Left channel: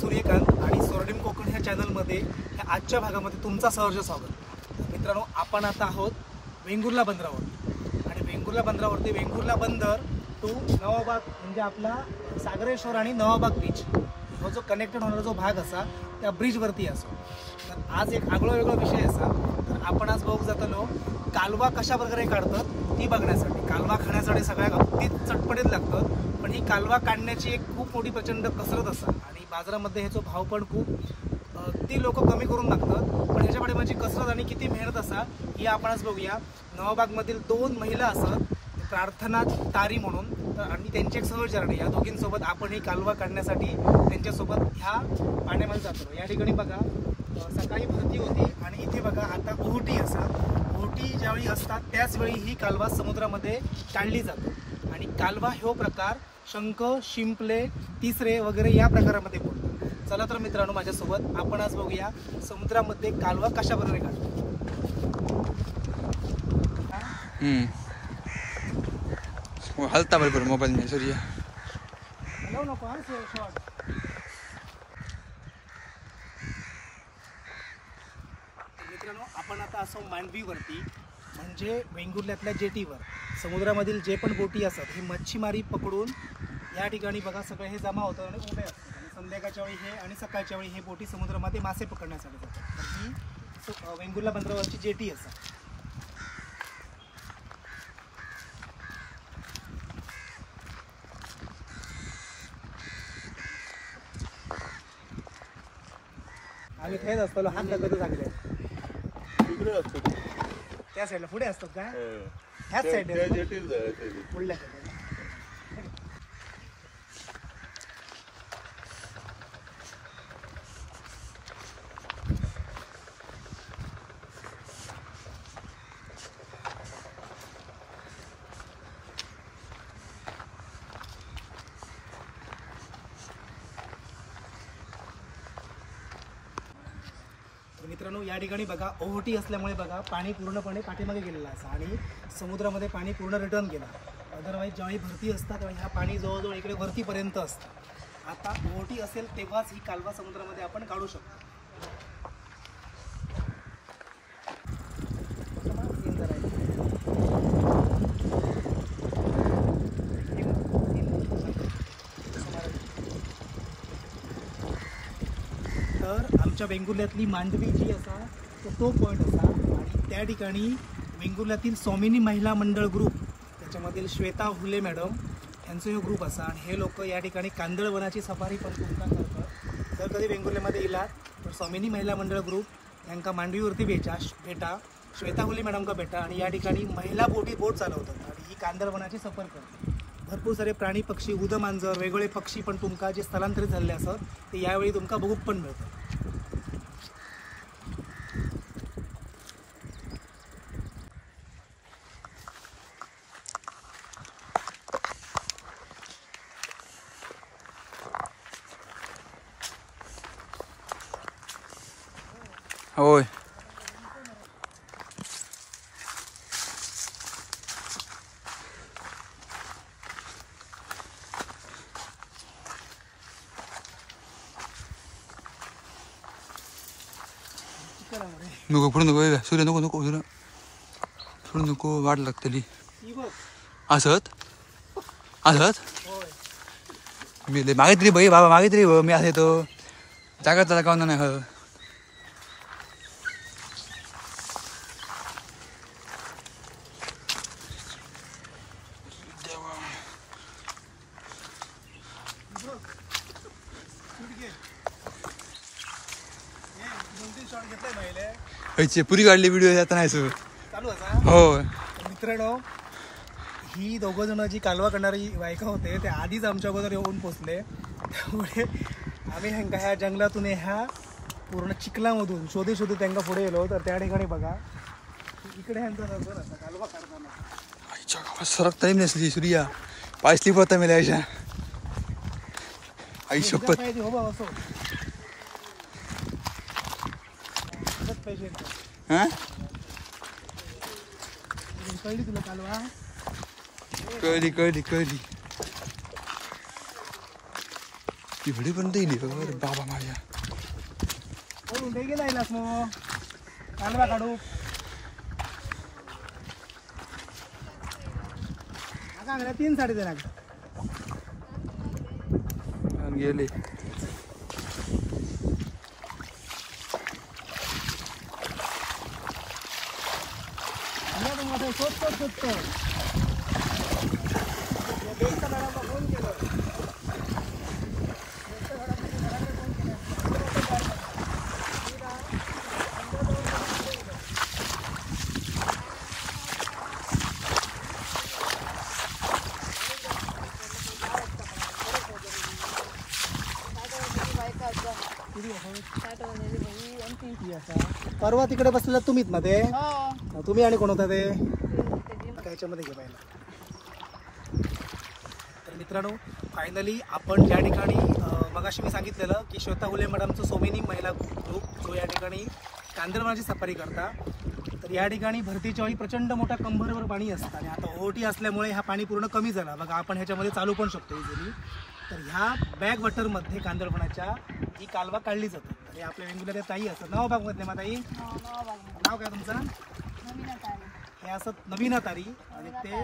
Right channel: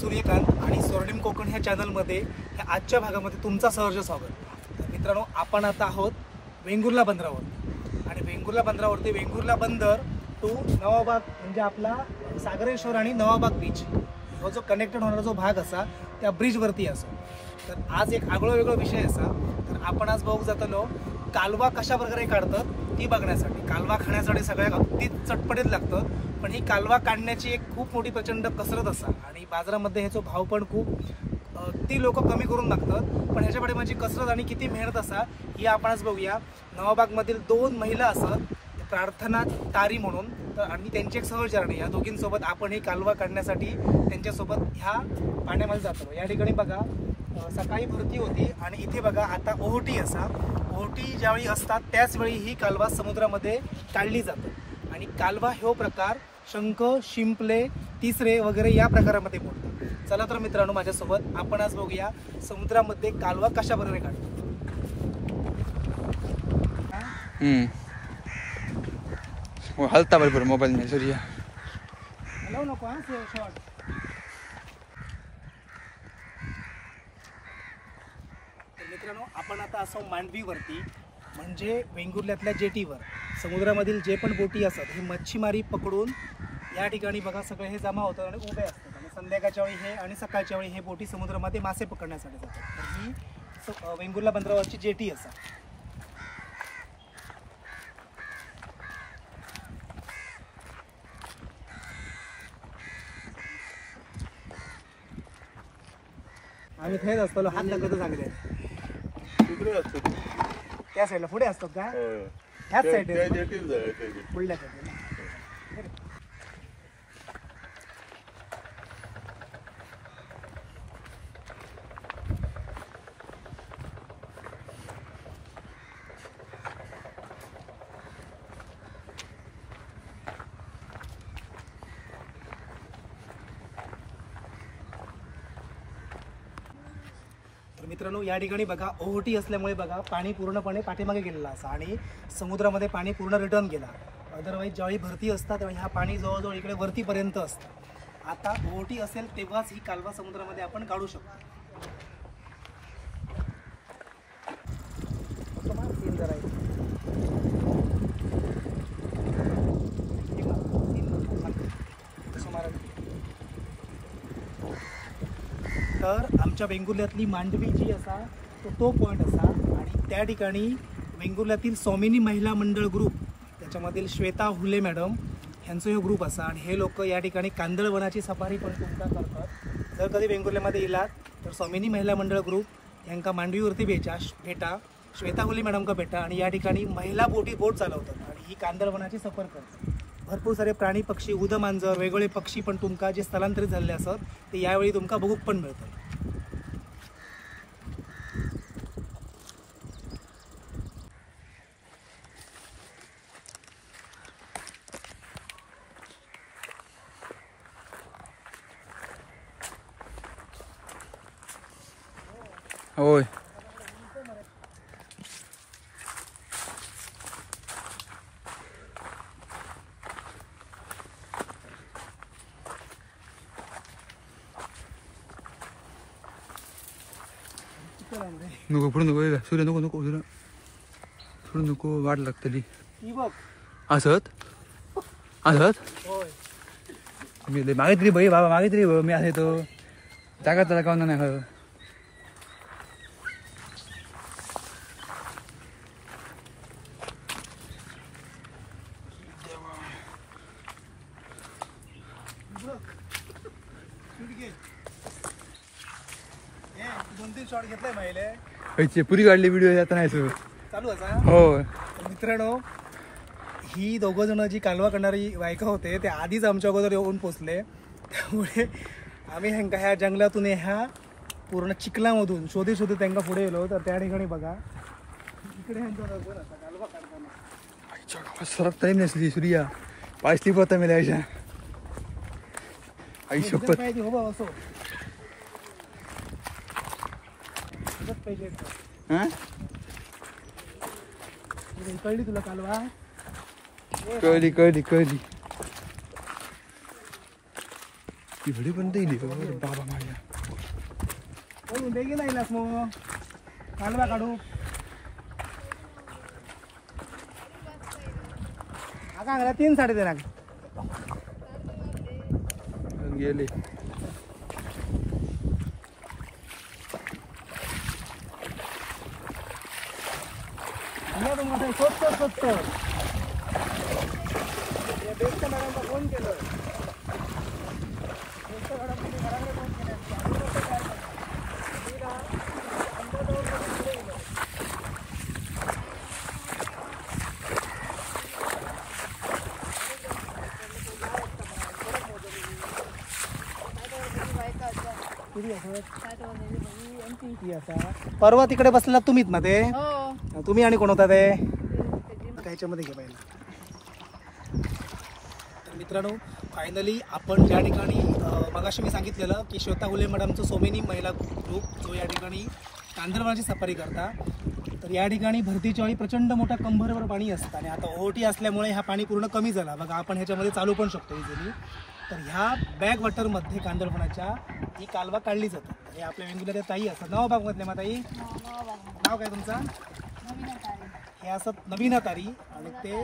सूर्यकांत आणि स्वर्णिम कोकण ह्या चॅनलमध्ये ह्या आजच्या भागामध्ये तुमचा सहर्ष स्वागत। तर मित्रांनो, आपण आता आहोत वेंगुर्ला बंदरावर आणि वेंगुर्ला बंदरावरती वेंगुर्ला बंदर टू नवाबाग म्हणजे आपला सागरेश्वर आणि नवाबाग बीच हा जो कनेक्टेड होणारा जो भाग असा त्या ब्रिजवरती असो। तर आज एक आगळो वेगळो विषय असा। तर आपण आज बघू जातलो कालवा कशा प्रकारे काढतात ती बघण्यासाठी। कालवा खाण्यासाठी सगळ्या अगदी चटपटीत लागतं, पण ही कालवा काढण्याची एक खूप मोठी प्रचंड कसरत असा आणि बाजारामध्ये ह्याचा भाव पण खूप ती लोक कमी करून मागतात। पण ह्याच्या पाठीमागची कसरत आणि किती मेहनत असा ही आपण आज बघूया। नवाबागमधील 2 महिला असत प्रार्थना तारी म्हणून, तर आणि त्यांची एक सहचारणी, या दोघींसोबत आपण ही कालवा काढण्यासाठी त्यांच्यासोबत ह्या पाण्यामध्ये जातो। या ठिकाणी बघा सकाळी भरती होती आणि इथे बघा आता ओहोटी असा। ओहोटी ज्यावेळी असतात त्याच वेळी ही कालवा समुद्रामध्ये काढली जातो आणि कालवा ह्यो प्रकार शंख, शिंपले, तिसरे वगैरे या प्रकारामध्ये मोडतो। चला तर मित्रांनो, माझ्यासोबत आपण आज बघूया समुद्रामध्ये कालवा कशा प्रकारे काढतात। हलता बरोबर मोबाईल में सूर्या हॅलो नको हा शॉट। मित्रांनो, आपण आता असो मांडवीवरती म्हणजे वेंगुर्ल्यातल्या जेटीवर। समुद्रामधील जे पण बोटी असतात ही मच्छीमारी पकडून या ठिकाणी बघा सगळे हे जमा होतात आणि उभे असतात आणि संध्याकाळच्या वेळी हे आणि सकाळच्या वेळी हे बोटी समुद्रामध्ये मासे पकडण्यासाठी जातात। तर ही वेंगुर्ला बंदरावरची जेटी असा। आम्ही थंयच असतो लहान कधी सांगले तिकडे असतो त्या साईडला पुढे असतात का ह्याच साईडला पुढल्या साईडला। मित्रांनो, या ठिकाणी बघा ओहोटी असल्यामुळे बघा पाणी पूर्णपणे पाठीमागे गेलेला असा आणि समुद्रामध्ये पाणी पूर्ण रिटर्न गेला। अदरवाईज ज्यावेळी भरती असतात त्यावेळी हा पाणी जवळजवळ इकडे वरतीपर्यंत असतं। आता ओहोटी असेल तेव्हाच ही कालवा समुद्रामध्ये आपण काढू शकतो। तर आमच्या वेंगुर्ल्यातली मांडवी जी असा तो पॉईंट असा आणि त्या ठिकाणी वेंगुर्ल्यातील स्वामिनी महिला मंडळ ग्रुप त्याच्यामधील श्वेता हुले मॅडम यांचा हा ग्रुप असा आणि हे लोक या ठिकाणी कांदळवनाची सफारी पण तुमका करतात। जर कधी वेंगुर्ल्यामध्ये येलात तर स्वामिनी महिला मंडळ ग्रुप यांका मांडवीवरती भेटा श्वेता हुले मॅडम का भेटा आणि या ठिकाणी महिला बोट चालवतात आणि ही कांदळवनाची सफर करतात। भरपूर सारे प्राणी पक्षी उदमांजर वेगवेगळे पक्षी पण तुमका जे स्थलांतरित झाले असत ते यावेळी तुमका बघूक पण मिळतं। होय नको पुढे नको सूर्य नको नको सूर्य पुढे नको वाट लागतली असत असत मी मागितली बाई बाबा मागितली मी असं तो जागा त्याला काऊन नाही हवं। पुरी काढली व्हिडिओ आता नाही सर चालू असा। हो मित्रांनो, ही दोघं जण जी कालवा करणारी बायका होते ते आधीच आमच्या अगोदर येऊन पोचले, त्यामुळे आम्ही ह्यांका ह्या जंगलातून ह्या पूर्ण चिखलामधून शोधून त्यांना पुढे गेलो। तर त्या ठिकाणी बघा इकडे ह्यांचा कालवा काढताना सरक टाईम नसली सूर्या पायसली पडता मला याच्या आई शपथ हो बा असो कळली तुला कालवा कळली कळली कळली ती घडी पण येईल बाबा माझ्या. गेला मग कालवा काढू आता 3 साडेतीन गेले. स्वच्छ मॅडमला फोन केलं. परवा तिकडे बसला तुम्हीच ना ते. तुम्ही आणि कोण होता ते त्याच्यामध्ये घे पाहिजे. तर मित्रांनो फायनली आपण या ठिकाणी मगाशी मी सांगितलेलं की श्वेता हुले मॅडमचं सोमेनी महिला ग्रुप जो या ठिकाणी कांदळवनाची सफारी करता. तर या ठिकाणी भरतीच्या वेळी प्रचंड मोठा कंबरवर पाणी असतं आणि आता ओहोटी असल्यामुळे हा पाणी पूर्ण कमी झाला बघा. आपण ह्याच्यामध्ये चालू पण शकतो इझिली. तर ह्या बॅक वॉटरमध्ये कांदळवनाच्या ही कालवा काढली जातात. तर हे आपल्या वेंगुर्ला ताई असतात. नाव बागमधले माताई नाव काय तुमचं? हे असं नवीन तारी आणि ते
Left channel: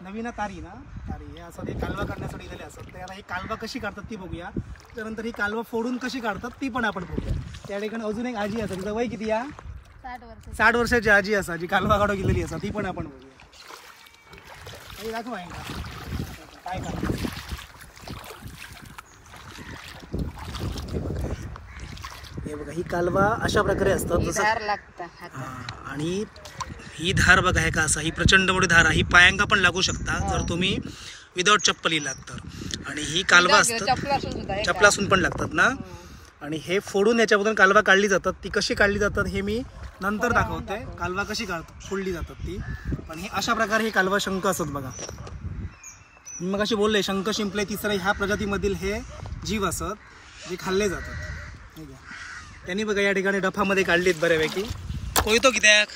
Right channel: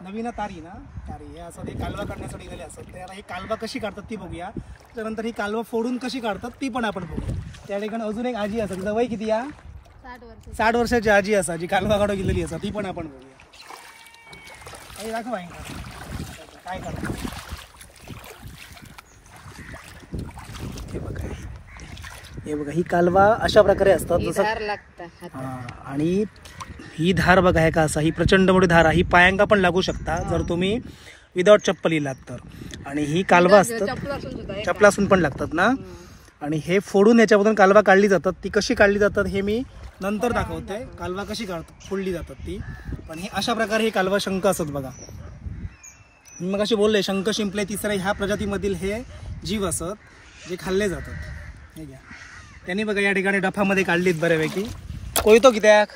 नवीन तारी ना तारी हे असं हे कालवा काढण्यासाठी गेले असतात. तर आता ही कालवा कशी काढतात ती बघूया. त्यानंतर ही कालवा फोडून कशी काढतात ती पण आपण बघूया. त्या ठिकाणी अजून एक आजी असते. तिचं वय किती या 60 वर्षाची आजी असा जी कालवा काढू गेलेली असा ती पण आपण बघूया. दाखव काय करा. हे बघा ही कालवा अशा प्रकारे असतात जसं आणि ही धार बघा आहे का असा ही प्रचंड मोठी धार आहे. ही पायांगा पण लागू शकता जर तुम्ही विदाउट चप्पल इलात तर. आणि ही कालवा असतात चपलासून पण लागतात ना. आणि हे फोडून याच्यामधून कालवा काढली जातात. ती कशी काढली जातात हे मी नंतर दाखवते. कालवा कशी फोडली जातात ती. पण ही अशा प्रकारे हे कालवा शंख असत बघा. मी मग अशी बोलले शंख शिंपले तिसऱ्या ह्या प्रजातीमधील हे जीव असत जे खाल्ले जातात. हे घ्या त्यांनी बघा या ठिकाणी डफामध्ये काढलीत बऱ्यापैकी. कोयतो कित्याक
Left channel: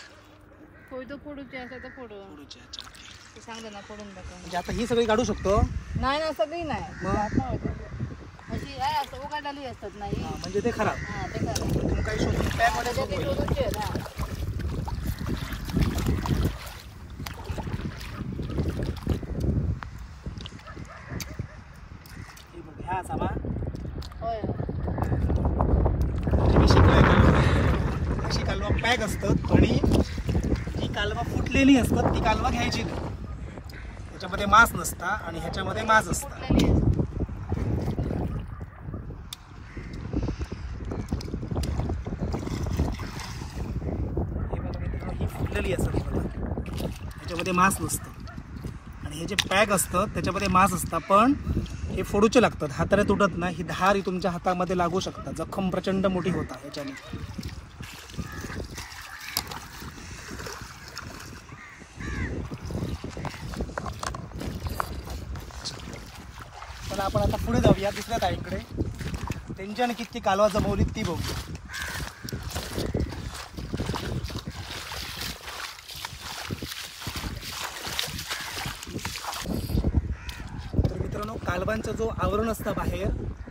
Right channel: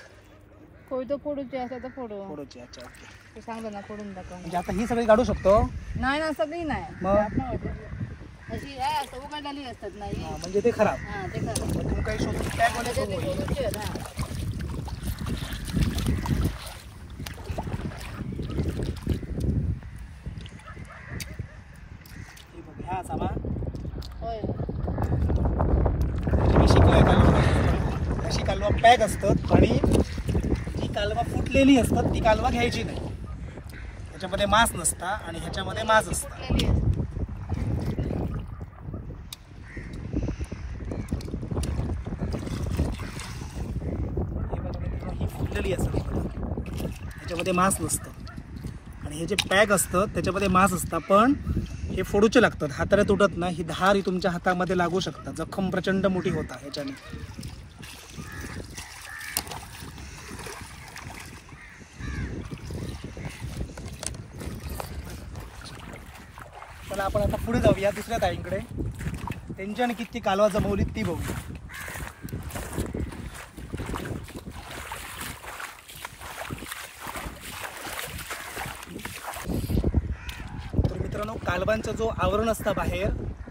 कोयतो फोडूचे असं तर फोडूचे. अच्छा ते सांगतो ना फोडून टाका. म्हणजे आता ही सगळी काढू शकतो? नाही ना सगळी नाही मग अशी आहे असं उघडलेली असतात नाही म्हणजे ते खराब. हां ते खराब. तुम काही शोधून पॅक वाले ह्या सामा होय मी शिकलोय कालवा अशी कालवा पॅक असतात. आणि जी कालवा फुटलेली असतात ती कालवा घ्यायची नाही. ह्याच्यामध्ये मांस नसता आणि ह्याच्यामध्ये मांस असता. ही फुटलेली असतात ह्याच्यामध्ये मांस नसतं. आणि हे जे पॅक असतं त्याच्यामध्ये मांस असतं. पण हे फोडूचे लागतात. हाताने तुटत नाही. ही धार ही तुमच्या हातामध्ये लागू शकतात. जखम प्रचंड मोठी होता ह्याच्याने. चला आपण आता पुढे जाऊया दुसऱ्या ताईंकडे. त्यांच्याने किती कालवा जमवली ती बघूया. कालवांचा जो आवरण असतं बाहेर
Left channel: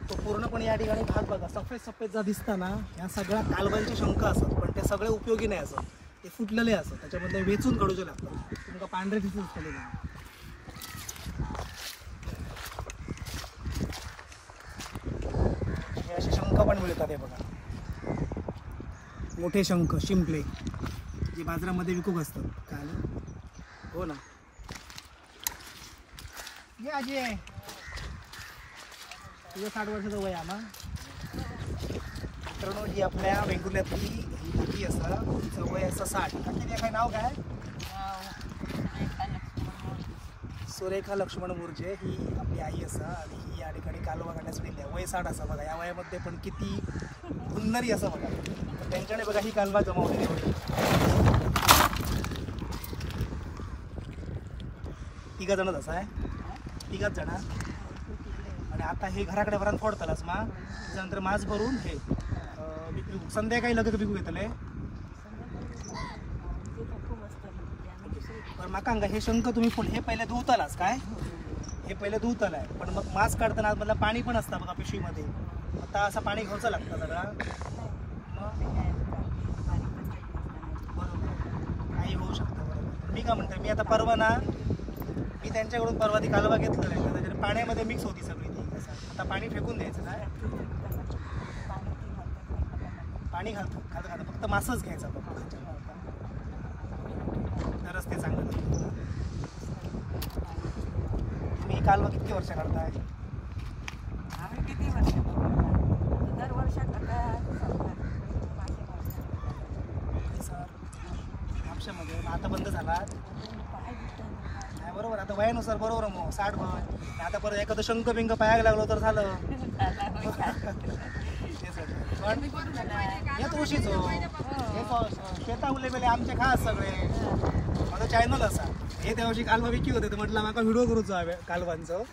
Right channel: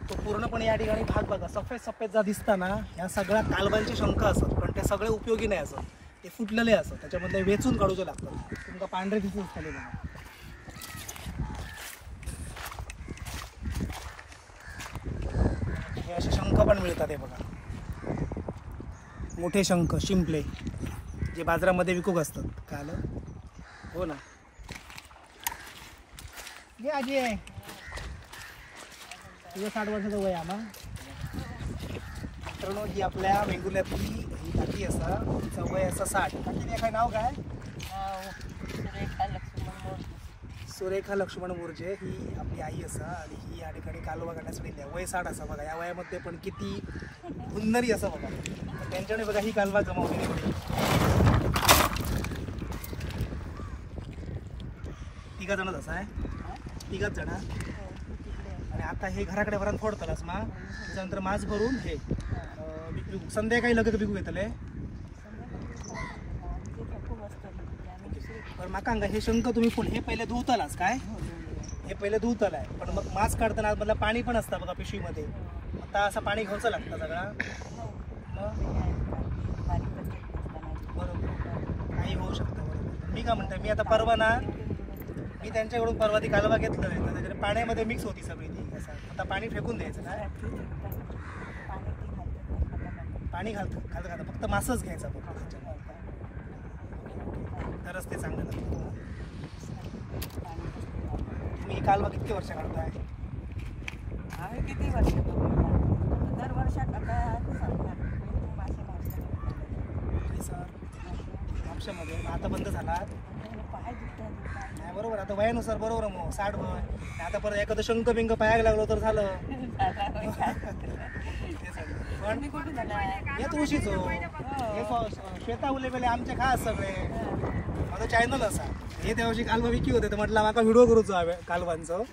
तो पूर्णपणे या ठिकाणी भाग बघा सफेद सफेद जा दिसता ना ह्या सगळ्या कालवांचे शंख असतात. पण ते सगळे उपयोगी नाही असत. ते फुटलेले असत. त्याच्यामध्ये वेचून काढूचे लागतात. तुमका पांढरे दिसून असतले हे असे शंख पण मिळतात. हे बघा मोठे शंख शिंपले जे बाजारामध्ये विकूक असतात. काल हो ना ये आजी आहे 60 वर्षाचं वय आम्हा. मित्रांनो ही आपल्या वेंगुर्ल्यातली ही काकी असा तिचं वय असं 60. काकी काय नाव काय? सुरेखा लक्ष्मण मोर्जे ही आपली आई असा. आणि ही या ठिकाणी कालवा काढण्यासाठी वय 60 असा बघा. या वयामध्ये पण किती हुन्नरी असं बघा. तर त्यांच्याने बघा ही कालवा जमावलेली होती. 3 जण असं आहे. 3 जण. आणि आता हे घराकडे भरात फोडतालास मा त्याच्यानंतर मास भरून हे संध्याकाळी लगेच विकू घेतले. बरं माका हे शंख तुम्ही फोड हे पहिले धुवतालाच काय हे पहिले धुतलं आहे, पण मग मांस काढताना आतमधलं पाणी पण असतं बघा पिशवीमध्ये. आता असं पाणी घ्यायचं लागतं सगळा. मग बरोबर काही होऊ शकतं. बरोबर. मी काय म्हणतोय, मी आता परवा ना मी त्यांच्याकडून परवा ती कालवा घेतलं आहे, त्याच्यात पाण्यामध्ये मिक्स होती सगळी ती. कसं आता पाणी फेकून द्यायचं काय? पाणी घालतं फक्त मासच घ्यायचा बघ, तरच ते चांगलं लागतं. तुम्ही कालवा किती वर्ष करताय? किती वर्ष दर वर्षात आमच्यामध्ये आता बंद झाला नाही. बरोबर, आता वयानुसार बरोबर मग 60 वय आता परत एखादं शंख बिंक पायाला लागलो तर झालं. हे तुळशीच शेता उले बेले आमचे खास सगळे. माझं चॅनल असा हे त्या वर्षी कालवा विकी होते, तर म्हटलं माका व्हिडिओ करूच कालवांचं,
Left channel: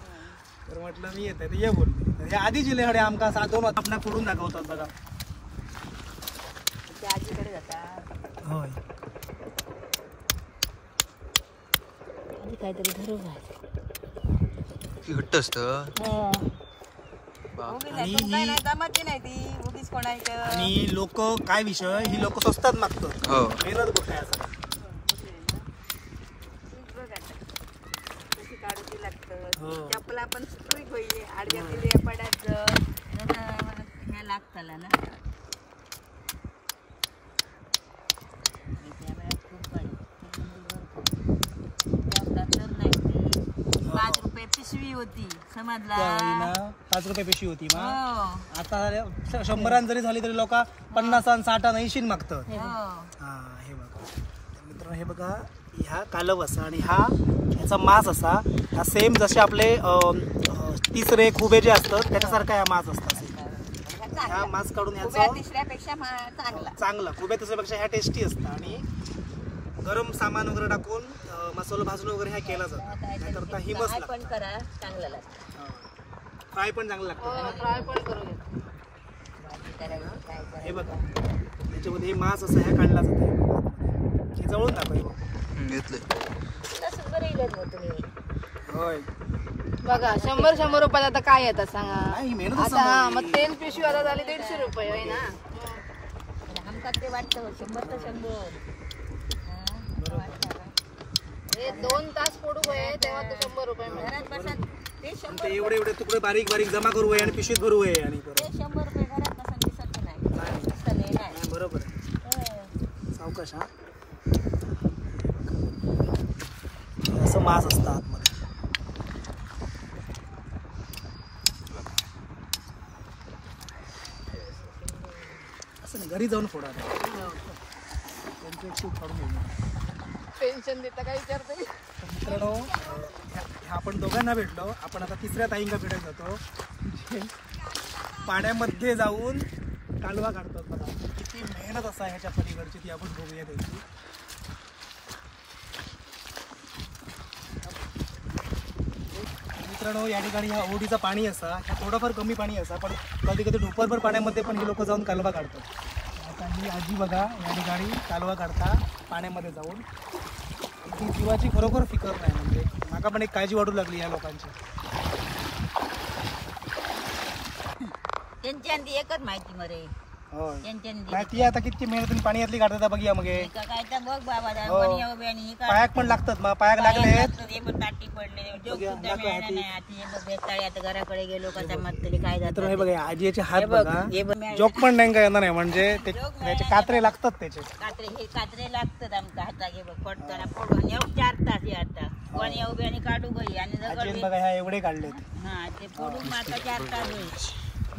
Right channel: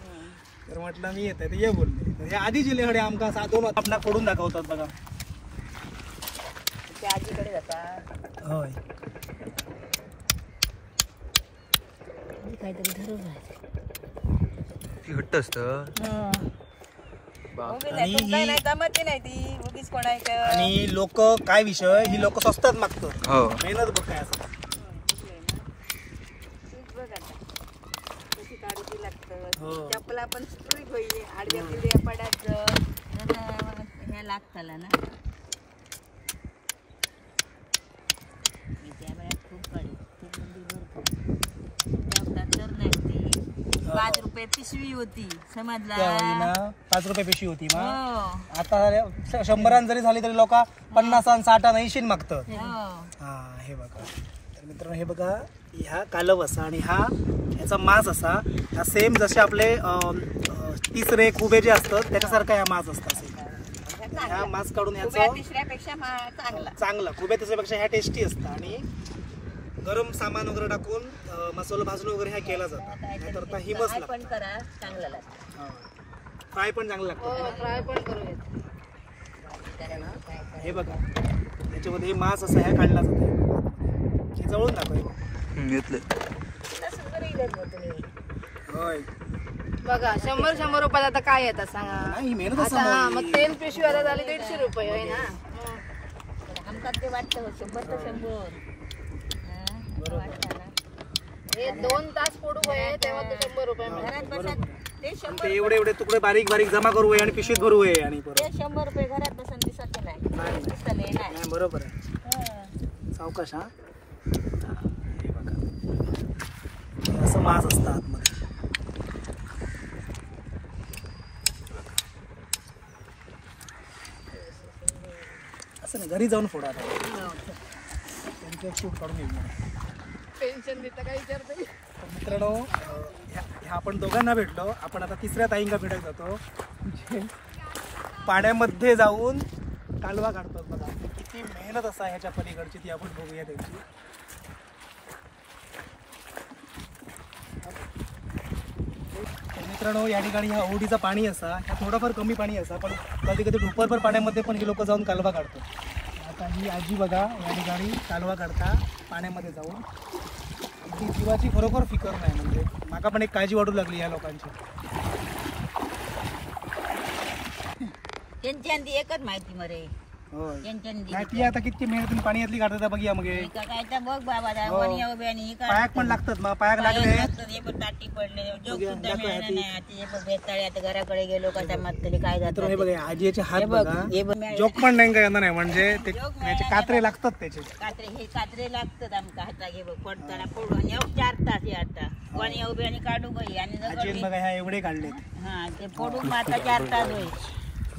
तर म्हटलं मी येत आहे तर ये बोलले. तर हे आधी जिल्ह्याकडे आमका 2 आपणा फोडून दाखवतात बघा. आजीकडे जातात होय, काहीतरी धरून घट्ट असतं. आणि लोक काय विषय, ही लोक स्वस्तात मागतात. हो, मेहनत बघ काय असं. चपला पण सुटली पाहिजे, आडव्या पिढ्या पडायचं ह्या लागताला ना. खूप नाही, 5 रुपये पिशवी होती समजला. 5 रुपये पिशवी होती. आता 100 जरी झाली तरी लोक 50 आणि 60 आणि 80 मागतात. हा हे बघा तर मित्रांनो, हे बघा ह्या कालव असा आणि ह्याचा मांस असा, हा सेम जसे आपले तिसरे खुबे जे असतात त्याच्यासारखा ह्या मांस असतात. ह्या मांस काढून ह्याचं चांगला खुबे त्याच्यापेक्षा ह्या टेस्टी असतात. आणि गरम सामान वगैरे टाकून मसाला भाजून वगैरे ह्या केला जातात. नाहीतर हिमस लागतं. फ्राय पण चांगलं लागतं. हे बघा त्याच्यामध्ये हे मांस असा ह्या काढला जातो. हे जवळून दाखव घेतलंय. होय बघा 100 रुपयाला आता काय येतात सांगा. नाही मेहनत आता असं. मग तेल पिशवी आता झाली 150 रुपये आहे ना. आमका ते वाटतं 100 तर 100. हे 2 तास फोडू आहे तेव्हा तो 100 रुपये घरात बसत. ते एवढे तुकडे बारीक बारीक जमा करू आणि पिशवीत भरू आहे. आणि ते 100 रुपये घरात बसून दिसत नाही. बरोबर आहे. सावकाश. हा असं मांस असतं आतमध्ये. असं नाही, घरी जाऊन फोडा. त्यांचं शूट काढून घेऊया. टेन्शन देता काय विचारतो. मित्रांनो, ह्या आपण दोघांना भेटलो. आपण आता तिसऱ्या ताईंना भेटायला जातो, जे पाण्यामध्ये जाऊन कालवा काढतात. बघा किती मेहनत असा ह्याच्या पलीकडची, ती आपण बघूया त्यांची. मित्रांनो, या ठिकाणी ह्या ओढीचं पाणी असा, ह्या थोडंफार कमी पाणी असा, पण कधी कधी ढोपरभर पाण्यामध्ये पण ही लोक जाऊन कालवा काढतात. आता ही आजी बघा या ठिकाणी कालवा काढता पाण्यामध्ये जाऊन. ती जीवाची खरोखर फिकर नाही. म्हणजे माका पण एक काळजी वाटू लागली या लोकांची. त्यांची एकच माहिती मरे. ती आता किती मेहनतीने पाण्यातली काढतात बघिया. मग काय तर बघ बाबा पायाक पण लागतात. पायाक लागले घराकडे गेलो का म्हटले काय जातं. हे बघा आजीचे हात बघा, जोक पण नाही येणार नाही. म्हणजे त्याचे कात्रे लागतात. त्याचे कात्रे लागतात आमका हाता घे बघ फोडताना फोडून 4 तास आता कोणी उभे आणि काढू गई. आणि बघा ह्या एवढे काढले. हा ते फोडून आता 4 तास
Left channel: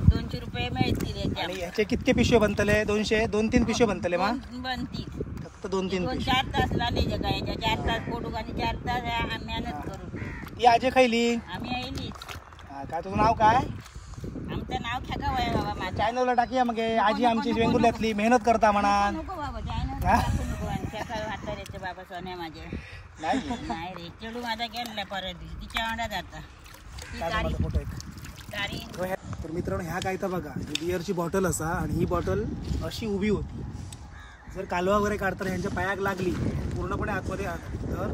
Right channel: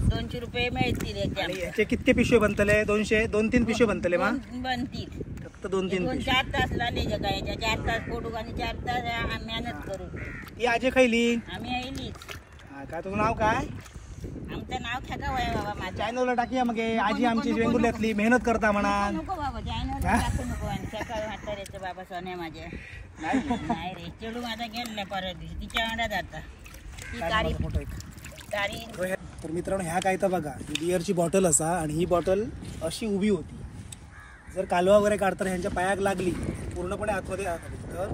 200 रुपये मिळतील. याचे कितके पिशवे बनतले? 200-3 पिशवे बनतले. बनतील फक्त 2-3 4 तास लागले. 4 तास फोडू आणि 4 तास मेहनत करू. ती आजी खायली आम्ही येईलीच. काय तुझं नाव काय? आमचं नाव ठेकावं आहे बाबा. माझ्या चॅनलला टाकूया. मग आजी आमची वेंगुर्ल्यातली मेहनत करता म्हणा. नको बाबा चॅनल टाकू नको. आणि सकाळी हातात येते बाबा सोन्या माझ्या. नाही रे चेडू माझा गेला परवा दिवशी तिच्या अंडा जाता. तर मित्रांनो, ह्या काय तर बघा ही बिअरची बॉटल असा, आणि ही बॉटल अशी उभी होती. जर कालवा वगैरे काढताना ह्यांच्या पायाक लागली पूर्णपणे आतमध्ये तर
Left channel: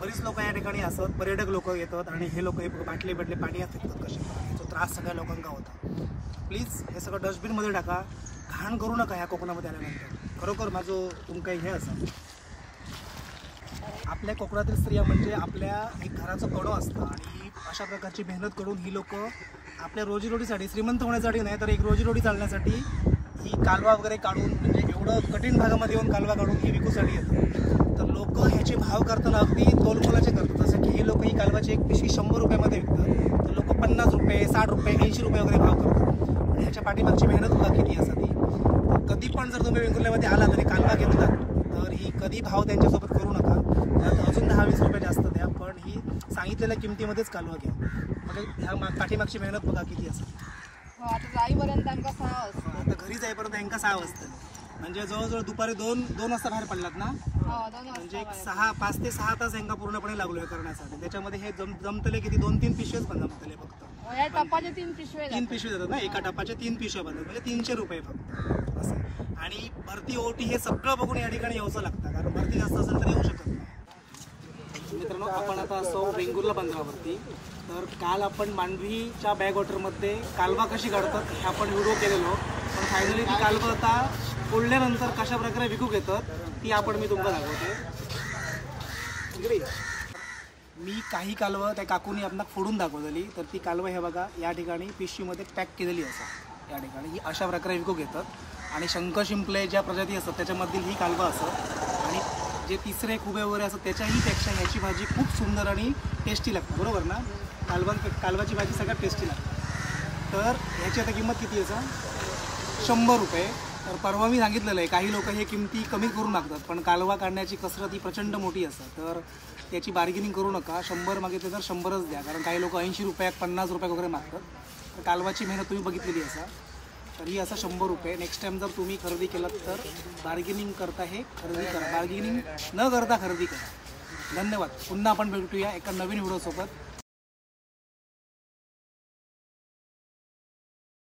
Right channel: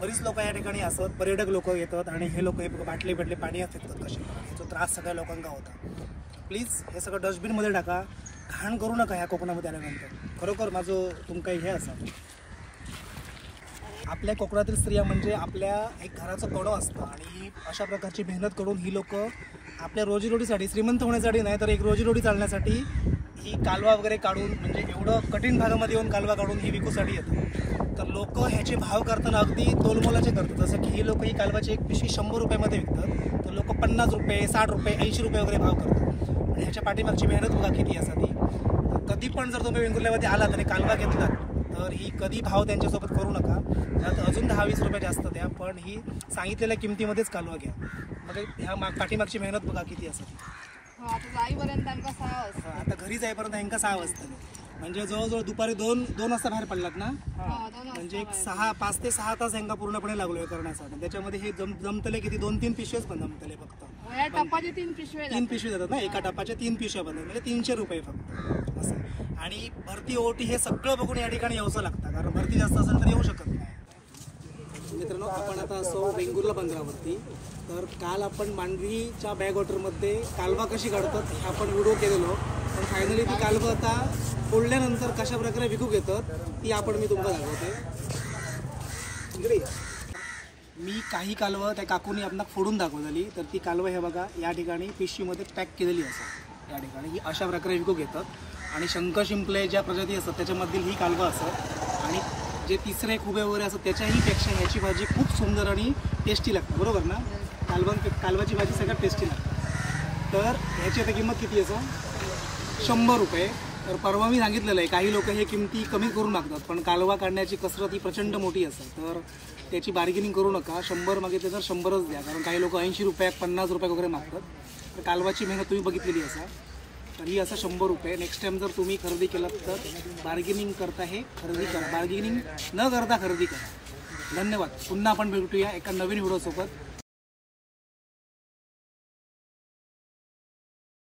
बरीच लोक या ठिकाणी असत, पर्यटक लोक येतात आणि हे लोक हे बाटले पाणी फेकतात कसे. याचा त्रास सगळ्या लोकांना होता. प्लीज हे सगळं डस्टबिनमध्ये टाका, घाण करू नका ह्या कोकणामध्ये आल्यानंतर. खरोखर माझं तुमका हे असं, आपल्या कोकणातील स्त्रिया म्हणजे आपल्या एक घराचं कणं असतं आणि अशा प्रकारची मेहनत करून ही लोक आपल्या रोजीरोटीसाठी, श्रीमंत होण्यासाठी नाही तर एक रोजीरोटी चालण्यासाठी ही कालवा वगैरे काढून, म्हणजे एवढं कठीण भागामध्ये येऊन कालवा काढून ही विकूसाठी येतात. तर लोक ह्याचे भाव करताना अगदी तोलमोलाचे करतात. जसं की ही लोक ही कालवाची एक पिशवी 100 रुपयामध्ये विकतात, तर लोक 50 रुपये, 60 रुपये, 80 रुपये वगैरे भाव करतात. आणि ह्याच्या पाठीमागची मेहनत बघा किती असं ती. कधी पण जर तुम्ही वेंगुर्ल्यामध्ये आलात आणि कालवा घेतलात तर ही कधी भाव त्यांच्यासोबत करू नका. त्यात अजून 10-20 रुपये जास्त द्या, पण ही सांगितलेल्या किमतीमध्येच कालवा घ्या. म्हणजे ह्या पाठीमागची मेहनत बघा किती असं. आता जाईपर्यंत आमका 6 वाजता. आता घरी जाईपर्यंत ह्यांका 6 वाजता, म्हणजे जवळजवळ दुपारी 2 वाजता बाहेर पडलात ना, म्हणजे एक 5 ते 6 तास ह्यांका पूर्णपणे लागलो हे करण्यासाठी. त्याच्यामध्ये हे जमतले किती 2-3 पिशवेच पण जमतले फक्त. या टपाचे 3 पिशवे 3 पिशवे जातात ना, एका टपाच्या 3 पिशव्या बनतात, म्हणजे 300 रुपये फक्त असं. आणि भरती ओटी हे सगळं बघून या ठिकाणी यावंसं लागतं, कारण भरती जास्त असेल तर येऊ शकत नाही. मित्रांनो, आपण आता असो वेंगुर्ला बंदरावरती. तर काल आपण मांडवीच्या बॅकवॉटरमध्ये कालवा कशी काढतात हे आपण व्हिडिओ केलेलो, पण फायनली ती कालवा आता फोडल्यानंतर कशा प्रकारे विकूक येतात ती मी तुम्हाला दाखवते. इकडे मी काही कालवं त्या काकूनी आपणाक फोडून दाखवलेली. तर ती कालवं हे बघा या ठिकाणी पिशवीमध्ये पॅक केलेली असतात या ठिकाणी, ही अशा प्रकारे विकूक येतात. आणि शंख शिंपले ज्या प्रजाती असतात त्याच्यामधील ही कालवं असतात. आणि जे तिसरे खुबे वगैरे असतात त्याच्याही पेक्षा ह्याची भाजी खूप सुंदर आणि टेस्टी लागते, बरोबर ना. कालवाची भाजी सगळ्यात टेस्टी लागते. तर ह्याची आता किंमत किती आहे? 100 रुपये. तर परवा मी सांगितलेलं आहे काही लोक हे किमती कमी करून मागतात, पण कालवा काढण्याची कसरत ही प्रचंड मोठी असते. तर त्याची बार्गेनिंग करू नका. 100 मागितले तर 100च द्या, कारण काही लोक 80 रुपये 50 रुपये वगैरे मागतात. तर कालवाची मेहनत तुम्ही बघितलेली असा. तर ही असं 100 रुपये. नेक्स्ट टाइम जर तुम्ही खरेदी केलात तर बार्गेनिंग करता हे खरेदी करा, बार्गेनिंग न करता खरेदी करा. धन्यवाद. पुन्हा आपण भेटूया एका नवीन व्हिडिओसोबत.